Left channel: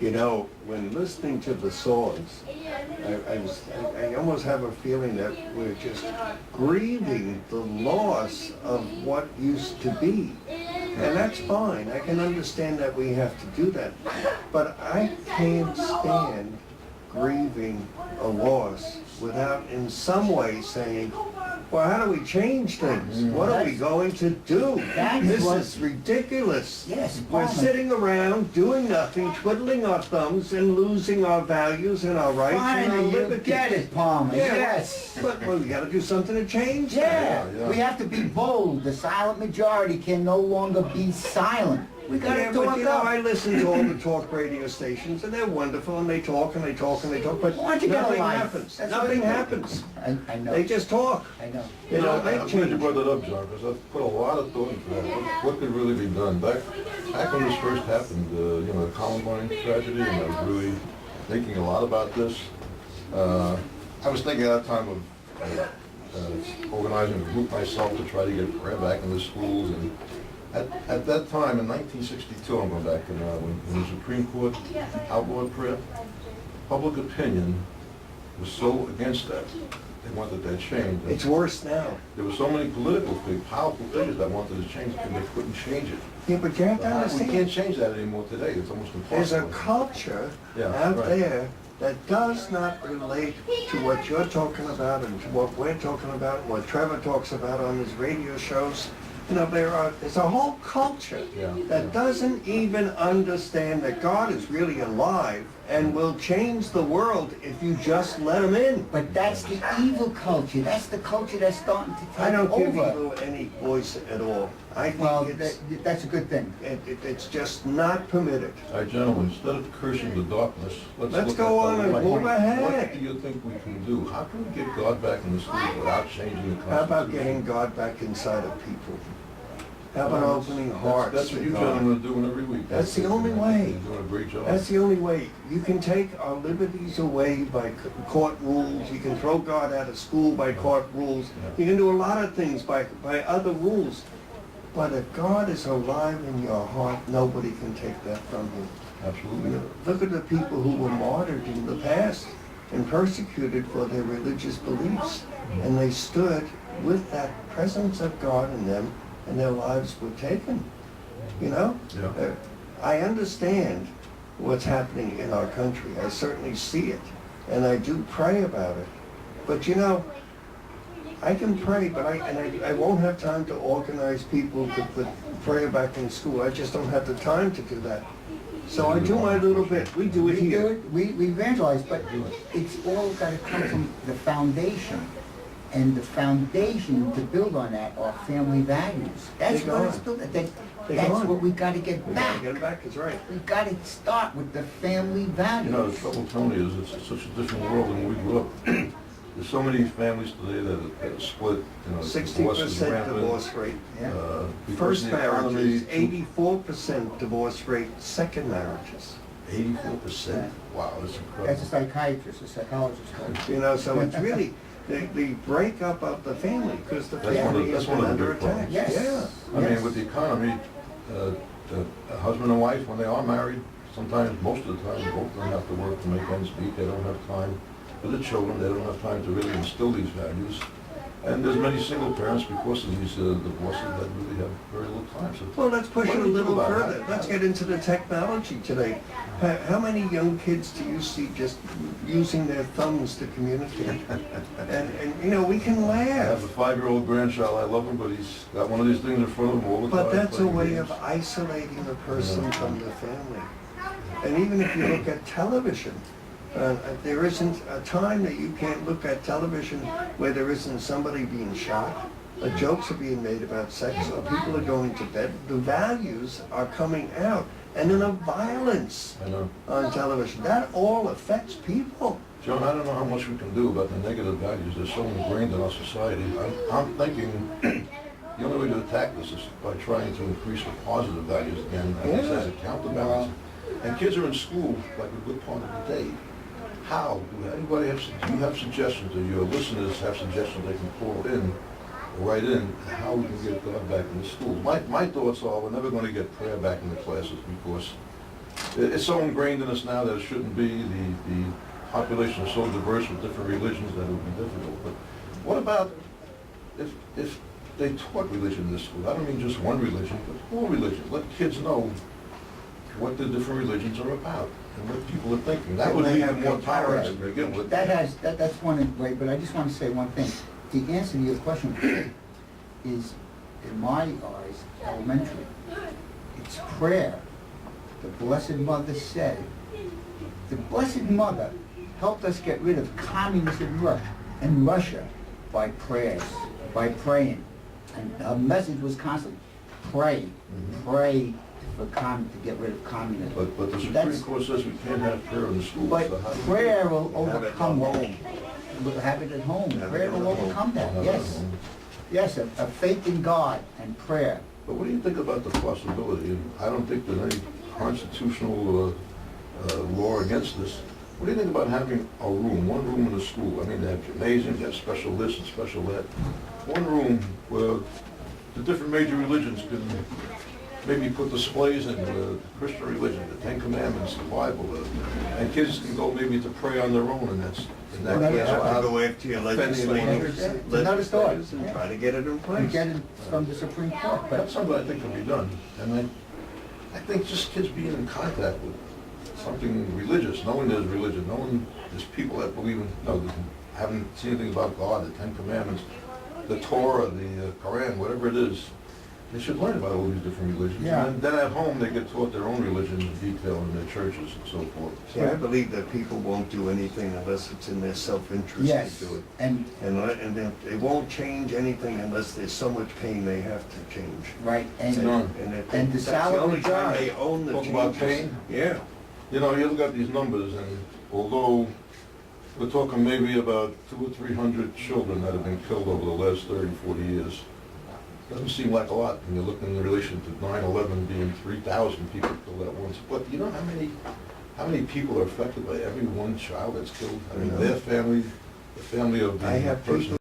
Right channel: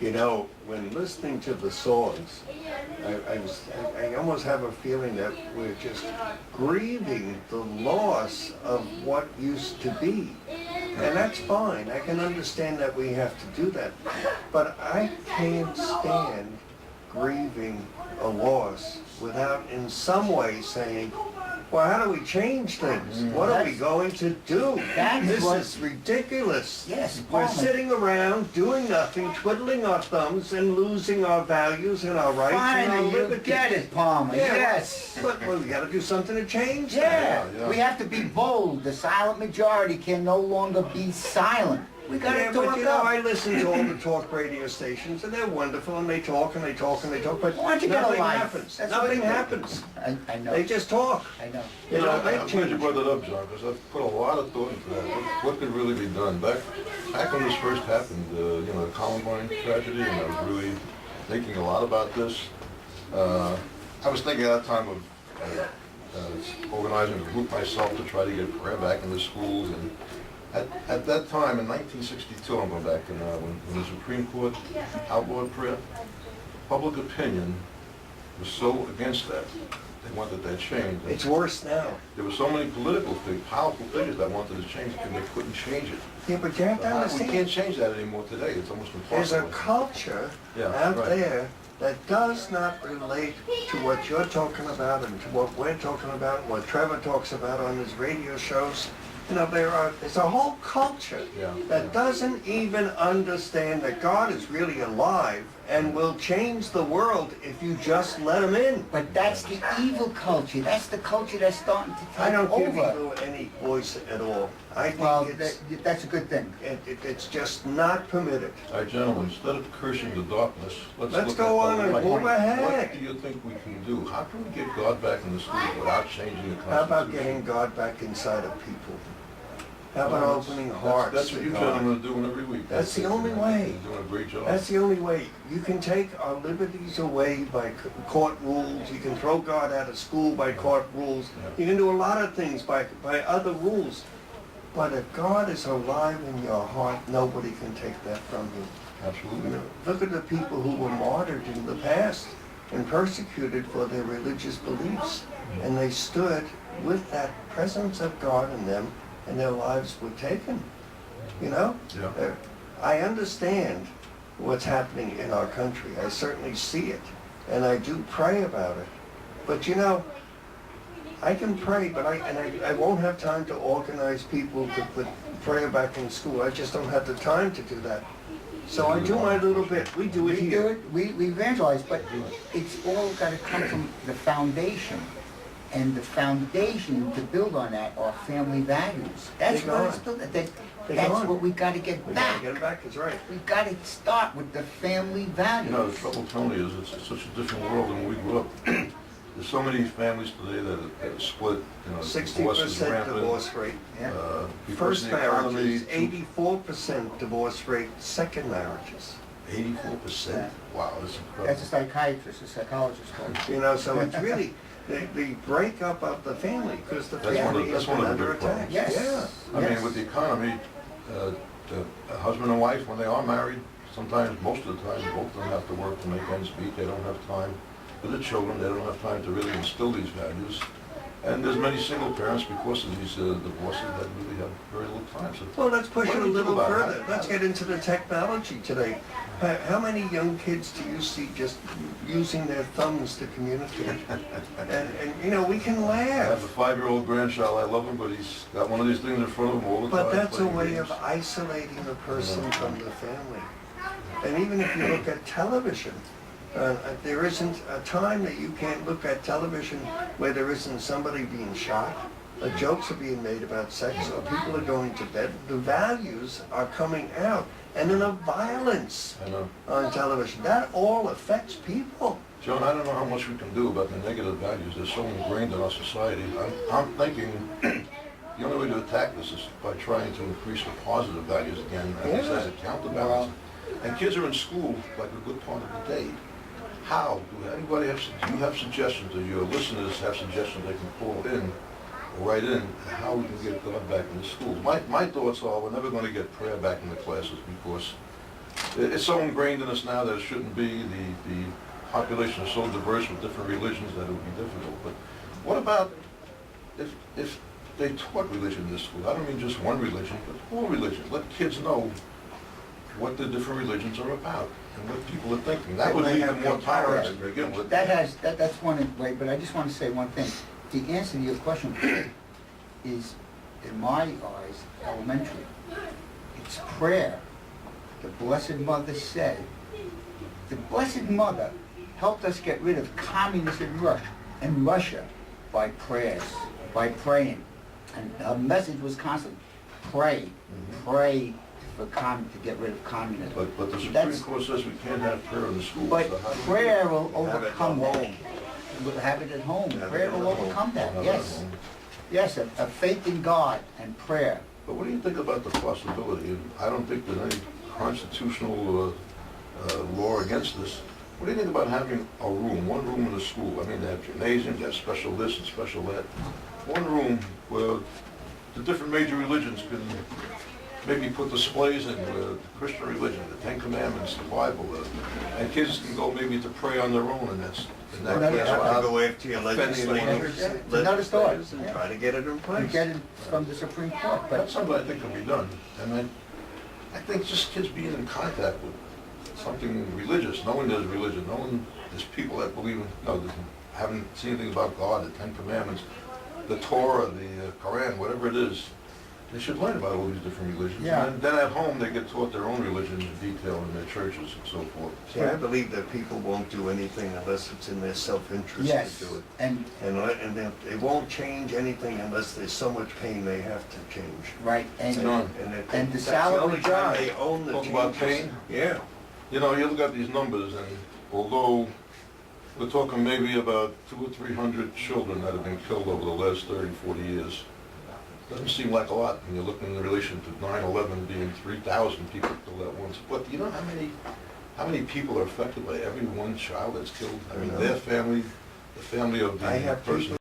You know, when listening to the songs, I almost have a feeling that we're just grieving the loss of what used to be. And that's fine. I can understand that we have to do that. But I can't stand grieving a loss without in some way saying, well, how do we change things? What are we going to do? This is ridiculous. Yes, We're sitting around doing nothing, twiddling our thumbs and losing our values and our rights and our Finally, you liberties. get it, Palmer. Yeah, Yes. But we got to do something to change Yeah. that. We have to be bold. The silent majority can no longer be silent. We got to Yeah, talk but you know, up. I listen to all the talk radio stations, and they're wonderful, and they talk and they talk and they talk, but Why don't you get a nothing life? happens. That's Nothing what it is. happens. I know. They just talk. I know. They don't I'm make glad you change. brought that up, John, because I've put a lot of thought into that. What could really be done? Back when this first happened, you know, the Columbine tragedy, and I was really thinking a lot about this. I was thinking at that time of organizing a group myself to try to get prayer back in the schools. And at that time, in 1962, I'm going back, and when the Supreme Court outlawed prayer, public opinion was so against that. They wanted that changed. It's worse now. There were so many political figures, powerful figures that wanted to change it, and they couldn't change it. Yeah, but you have to We understand, can't change that anymore today. It's almost there's a impossible. culture Yeah, out right. there that does not relate to what you're talking about and to what we're talking about and what Trevor talks about on his radio shows. You know, there's a whole culture Yeah, that yeah. doesn't even understand that God is really alive and will change the world if you just let him in. But that's the evil culture. That's the culture that's starting to take I don't give over. evil any voice at all. I think Well, it's that's a good thing. it's just not permitted. All right, gentlemen, instead of cursing the darkness, let's Let's look go at on the and light. move ahead. What do you think we can do? How can we get God back in the schools without changing the Constitution? How about getting God back inside of people? How about opening hearts That's what to you God? gentlemen are doing every week. That's the only way. You're doing a great job. That's the only way. You can take our liberties away by court rules. You can throw God out of school by court rules. You can do a lot of things by other rules. But if God is alive in your heart, nobody can take that from you. You Absolutely. know, look at the people who were martyred in the past and persecuted for their religious beliefs. And they stood with that presence of God in them, and their lives were taken. You know? Yeah. I understand what's happening in our country. I certainly see it, and I do pray about it. But you know, I can pray, but I won't have time to organize people to put prayer back in school. I just don't have the time to do that. So I do my little bit. We do it We do here. it, we evangelize, but it's all got to come from the foundation. And the foundation to build on that are family values. That's They're what it's gone. built. They're That's gone. what we got to get We gotta back. get it back, that's right. We got to start with the family values. You know, the trouble, Tony, is it's such a different world than when we grew up. There's so many families today that are split, you know, divorce is 60% rampant. divorce rate. Yeah. Because First of the economy, marriages, 84% divorce rate. Second marriages. 84%? Wow, that's That's incredible. a psychiatrist, a psychologist. told me. You know, so it's really the breakup of the family, because the That's one of- family has that's one been of the under big attack. problems. Yes. Yeah. I Yes. mean, with the economy, the husband and wife, when they are married, sometimes, most of the time, both of them have to work to make ends meet. They don't have time for the children. They don't have time to really instill these values. And there's many single parents, because of these divorces, that really have very little time. So Well, let's push what it a do we do little about further. it? Let's get into the technology today. How many young kids do you see just using their thumbs to communicate? And you know, we can I have laugh, a 5-year-old grandchild. I love him, but he's got one of these things in front of him all the time. but that's a playing way games. of isolating a person from the family. And even if you look at television, There isn't a time that you can't look at television where there isn't somebody being shot, jokes are being made about sex, or people are going to bed. The values are coming out, and then the violence I know. on television. That all affects people. John, I don't know how much we can do about the negative values. They're so ingrained in our society. I'm thinking the only way to attack this is by trying to increase the positive values again, as a counterbalance. And kids are in school like a good part of the day. How? Do you have suggestions, or your listeners have suggestions they can call in or write in, how we can get God back in the schools? My thoughts are we're never going to get prayer back in the classes because it's so ingrained in us now that it shouldn't be. The population is so diverse with different religions that it would be difficult. But what about if they taught religion in this school? I don't mean just one religion, but all religions. Let kids know what the different religions are about and what people are thinking. That would lead to more tolerance to begin with. That's one way, but I just want to say one thing. The answer to your question is, in my eyes, elementary. It's prayer. The Blessed Mother said, the Blessed Mother helped us get rid of communism in Russia by prayers, by praying. And her message was constantly, pray, pray to get rid of communism. But the Supreme Court says we can't have prayer in the schools. But So how do we- prayer will overcome Have it at that. home. We'll have it at home. Have it Prayer at will home. overcome that, Have it yes. at home. Yes, a faith in God and prayer. But what do you think about the possibility, and I don't think there's any constitutional law against this, what do you think about having a room, one room in the school? I mean, they have gymnasiums, they have special this and special that. One room where the different major religions can maybe put displays in, the Christian religion, the Ten Commandments, the Bible, and kids can go maybe to pray on their own, and that's, in that Well, You case, have to how- go after your legislators, It's another thought. and try to get it in You place. get it from the Supreme Court, That's but something I think can be done. And I think just kids being in contact with something religious, knowing there's religion, knowing there's people that believe in, haven't seen anything about God, the Ten Commandments, the Torah, the Quran, whatever it is, they should learn about all these different religions. Yeah. And then at home, they get taught their own religion in detail in their churches and so forth. See, I believe that people won't do anything unless it's in their self-interest yes, to do it. and, They won't change anything unless there's so much pain they have to change. right, and, John, and the That's the salary only time job. they own the Talk changes. about pain? Yeah. you know, you look at these numbers, and although we're talking maybe about 200 or 300 children that have been killed over the last 30, 40 years, doesn't seem like a lot when you're looking in relation to 9/11 being 3,000 people killed at once. But do you know how many people are affected by every one child that's killed? I mean, their family, the family of the I have person people